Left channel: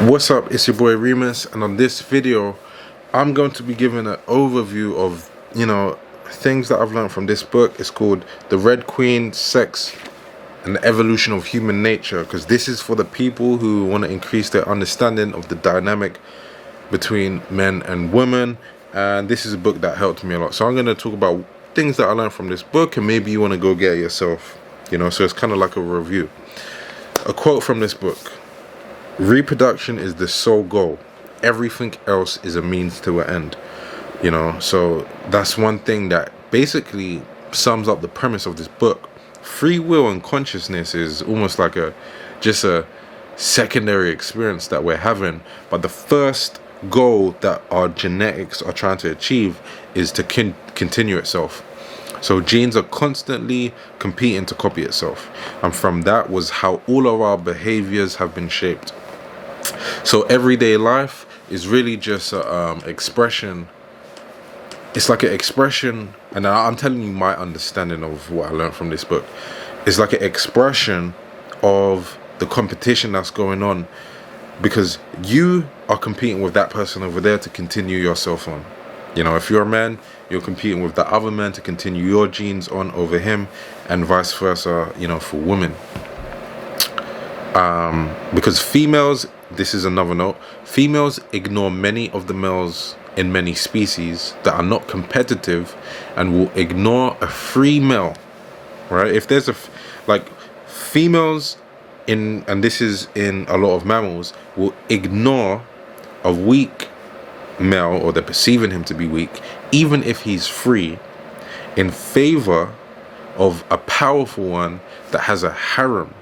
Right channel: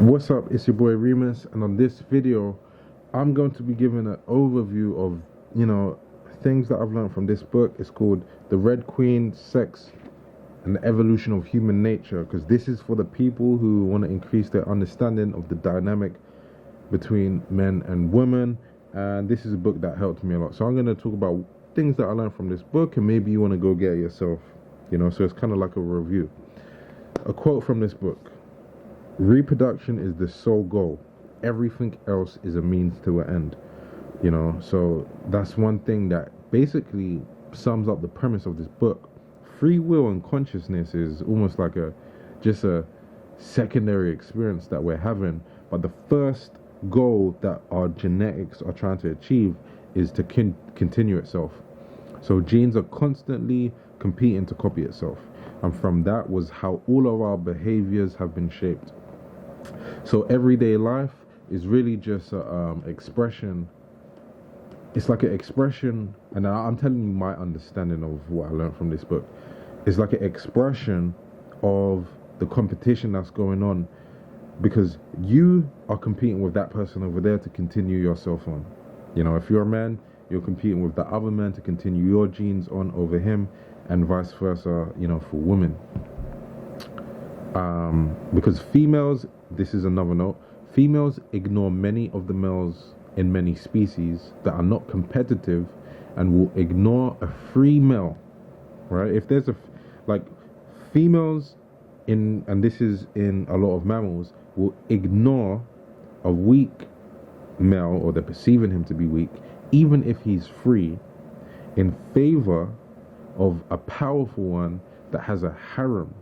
What's up, it's your boy Reemus, and on this video I'm going to be giving an overview of things that I've learned from this book. It's called The Red Queen, Sex and the Evolution of Human Nature, because this is for the people who want to increase their understanding of the dynamic between men and women. And this is a book that helped me a lot, so I'm going to talk about things that I learned from this book, and maybe you want to go get it yourself, so it's kind of like a review. A quote from this book: reproduction is the sole goal. Everything else is a means to an end. So that's one thing that basically sums up the premise of this book. Free will and consciousness is almost like just a secondary experience that we're having, but the first goal that our genetics are trying to achieve is to continue itself. So genes are constantly competing to copy itself, and from that was how all of our behaviors have been shaped. So everyday life is really just a expression. It's like an expression, and I'm telling you my understanding of what I learned from this book. It's like an expression of the competition that's going on, because you are competing with that person over there to continue yourself on. If you're a man, you're competing with the other man to continue your genes on over him, and vice versa, for women. Because females, this is another note, females ignore many of the males in many species that are not competitive, and will ignore a free male, right? If there's females and this is in a lot of mammals, will ignore a weak male, or they're perceiving him to be weak, even if he's free, in favor of a powerful one that has a harem,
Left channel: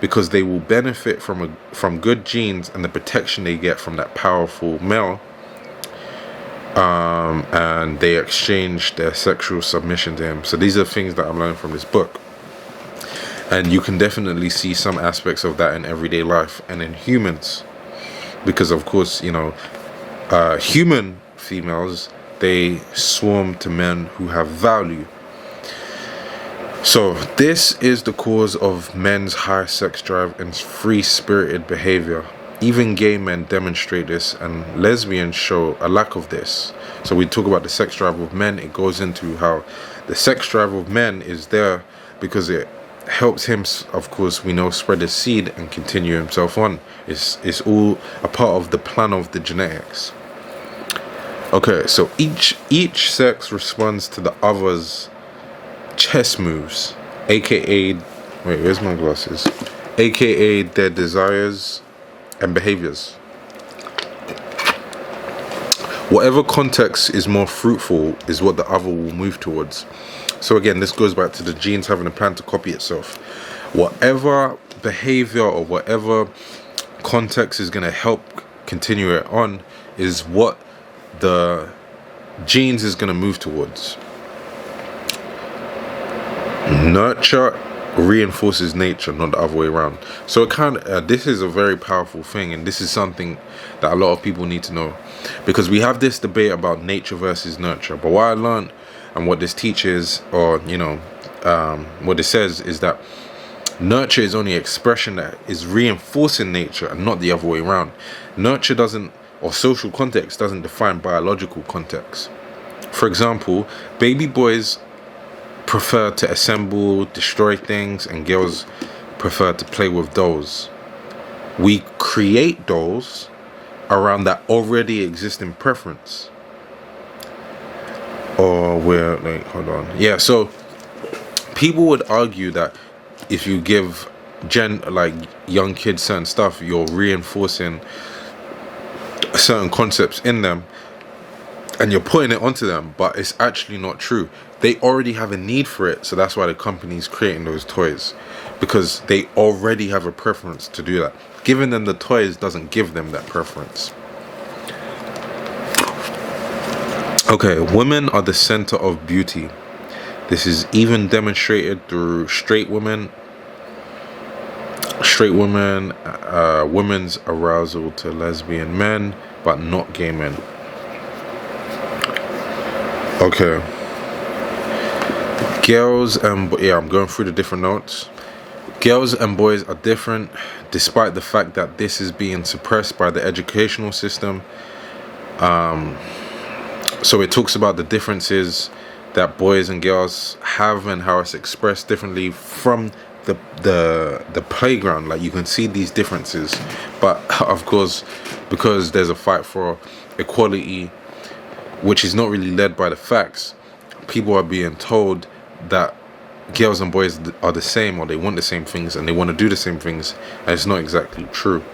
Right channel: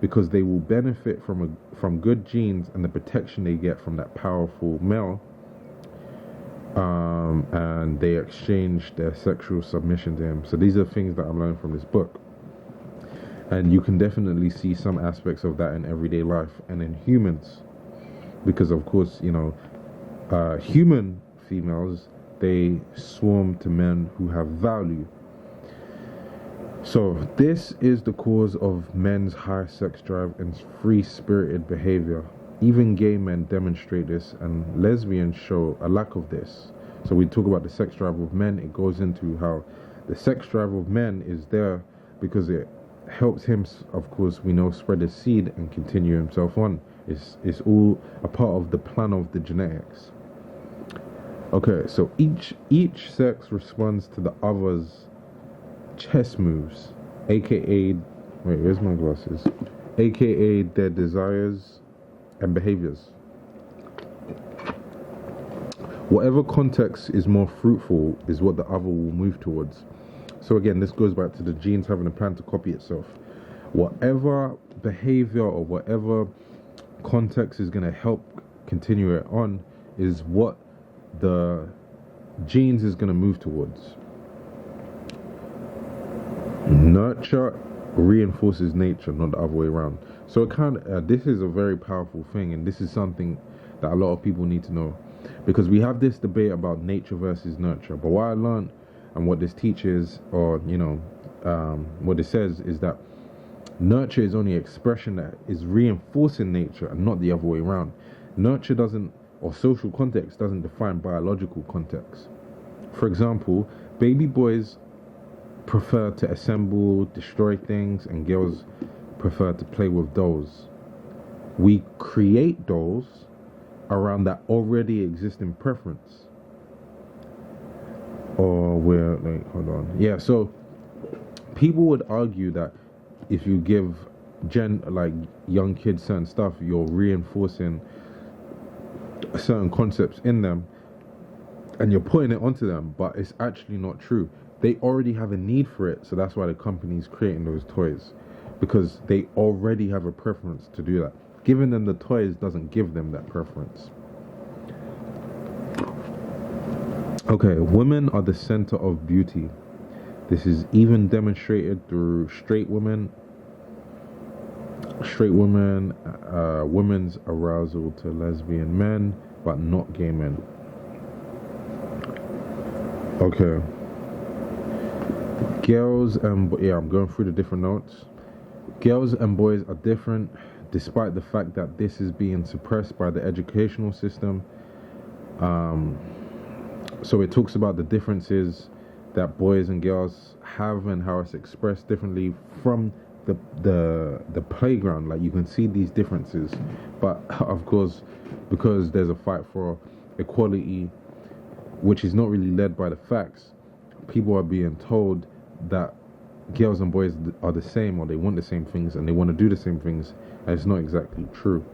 because they will benefit from good genes and the protection they get from that powerful male, and they exchange their sexual submission to him. So these are things that I'm learning from this book, and you can definitely see some aspects of that in everyday life and in humans, because of course human females, they swarm to men who have value. So this is the cause of men's high sex drive and free-spirited behavior. Even gay men demonstrate this, and lesbians show a lack of this. So we talk about the sex drive of men. It goes into how the sex drive of men is there because it helps him, of course, we know, spread his seed and continue himself on. It's all a part of the plan of the genetics. Okay, so each sex responds to the other's chess moves, aka, wait, where's my glasses? AKA their desires and behaviors. Whatever context is more fruitful is what the other will move towards. So again, this goes back to the genes having a plan to copy itself. Whatever behavior or whatever context is going to help continue it on is what the genes is going to move towards. Nurture reinforces nature, not the other way around. So it this is a very powerful thing, and this is something that a lot of people need to know, because we have this debate about nature versus nurture. But what I learned, and what this teaches, or what it says, is that nurture is only expression that is reinforcing nature, and not the other way around. Nurture doesn't, or social context doesn't define biological context. For example, baby boys prefer to assemble, destroy things, and girls prefer to play with dolls. We create dolls around that already existing preference. Or we're like, hold on. Yeah, so people would argue that if you give young kids certain stuff, you're reinforcing certain concepts in them, and you're putting it onto them, but it's actually not true. They already have a need for it, so that's why the company's creating those toys, because they already have a preference to do that. Giving them the toys doesn't give them that preference. Okay, women are the center of beauty. This is even demonstrated through straight women, women's arousal to lesbian men, but not gay men. Okay. Girls, I'm going through the different notes. Girls and boys are different, despite the fact that this is being suppressed by the educational system. So it talks about the differences that boys and girls have and how it's expressed differently from the playground. Like, you can see these differences, but of course, because there's a fight for equality, which is not really led by the facts, people are being told that girls and boys are the same, or they want the same things and they want to do the same things, and it's not exactly true.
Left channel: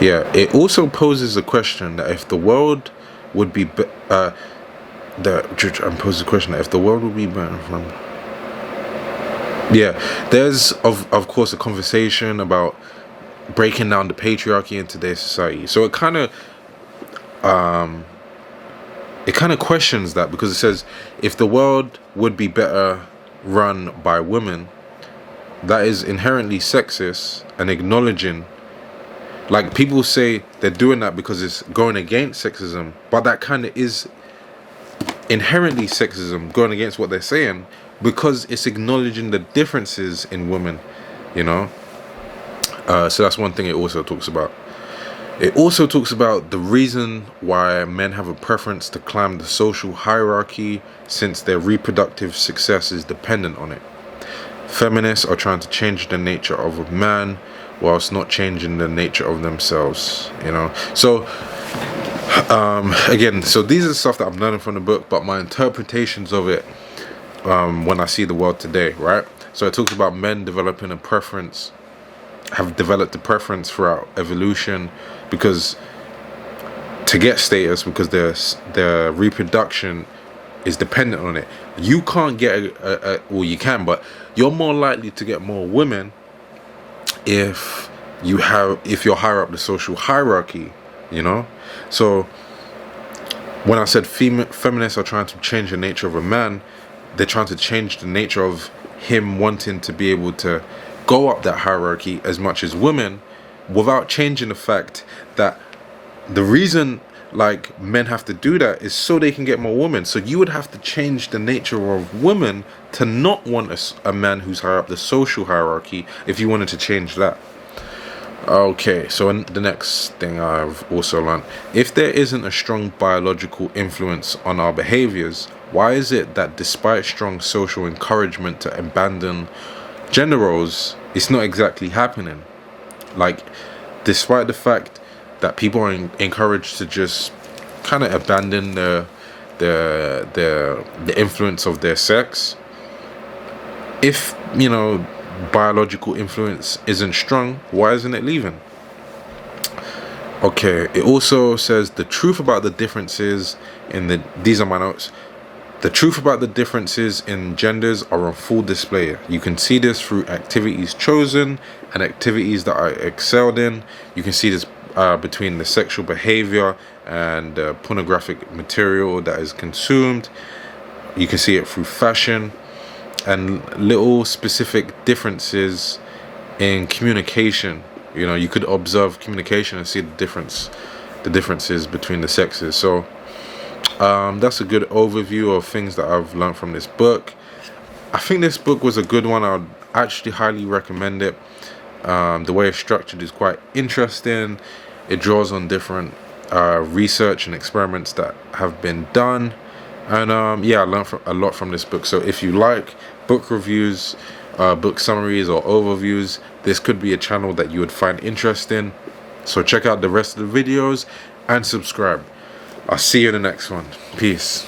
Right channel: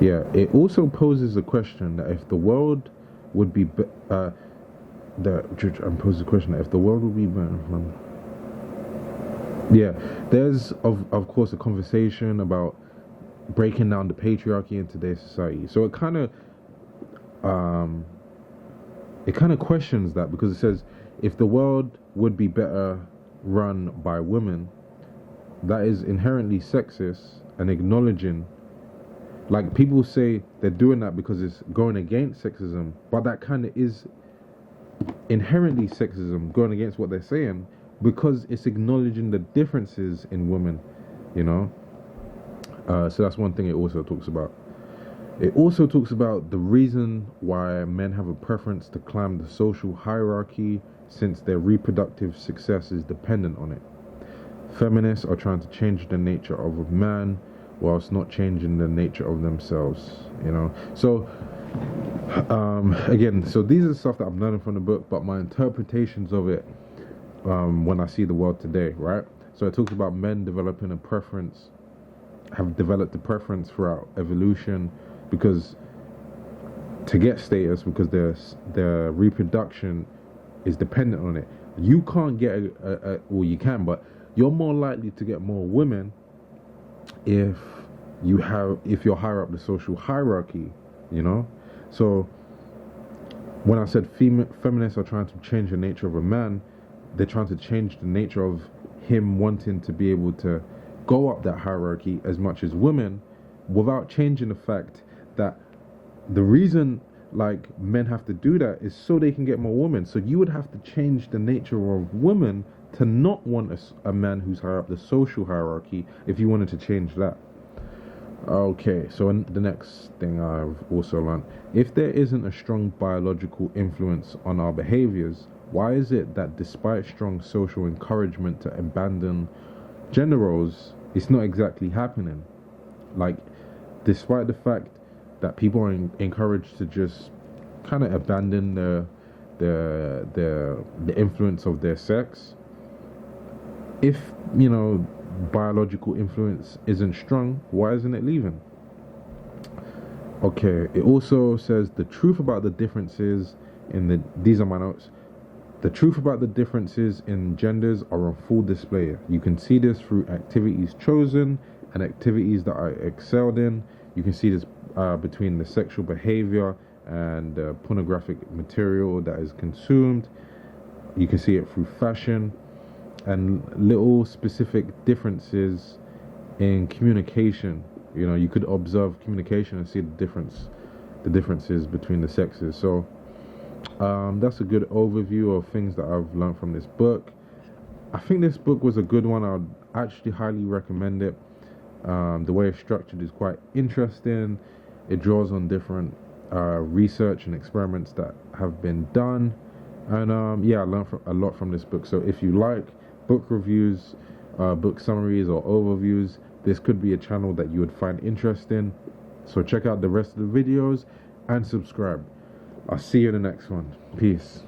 Yeah, it also poses a question that if the world would be poses a question that if the world would be better from. Yeah, there's of course a conversation about breaking down the patriarchy in today's society. So it kind of questions that, because it says if the world would be better run by women, that is inherently sexist and acknowledging. Like, people say they're doing that because it's going against sexism, but that kind of is inherently sexism, going against what they're saying, because it's acknowledging the differences in women, you know. So that's one thing it also talks about. It also talks about the reason why men have a preference to climb the social hierarchy, since their reproductive success is dependent on it. Feminists are trying to change the nature of a man whilst not changing the nature of themselves, you know. So again, so these are stuff that I'm learning from the book, but my interpretations of it when I see the world today, right? So it talks about men developing a preference, have developed a preference throughout evolution, because to get status, because their reproduction is dependent on it. You can't get well, you can, but you're more likely to get more women if you're higher up the social hierarchy, you know. So when I said feminists are trying to change the nature of a man, they're trying to change the nature of him wanting to be able to go up that hierarchy as much as women, without changing the fact that the reason like men have to do that is so they can get more women. So you would have to change the nature of women to not want a man who's higher up the social hierarchy if you wanted to change that. Okay, so in the next thing I've also learned, if there isn't a strong biological influence on our behaviors, why is it that despite strong social encouragement to abandon gender roles, it's not exactly happening? Like, despite the fact that people are encouraged to just kind of abandon the influence of their sex, if, you know, biological influence isn't strong, why isn't it leaving? Okay, it also says the truth about the differences in these are my notes. The truth about the differences in genders are on full display. You can see this through activities chosen and activities that are excelled in. You can see this between the sexual behavior and pornographic material that is consumed. You can see it through fashion and little specific differences in communication. You know, you could observe communication and see the differences between the sexes. So that's a good overview of things that I've learned from this book. I think this book was a good one. I'd actually highly recommend it. The way it's structured is quite interesting. It draws on different research and experiments that have been done. And yeah, I learned a lot from this book. So if you like book reviews, book summaries, or overviews, this could be a channel that you would find interesting. So check out the rest of the videos and subscribe. I'll see you in the next one. Peace.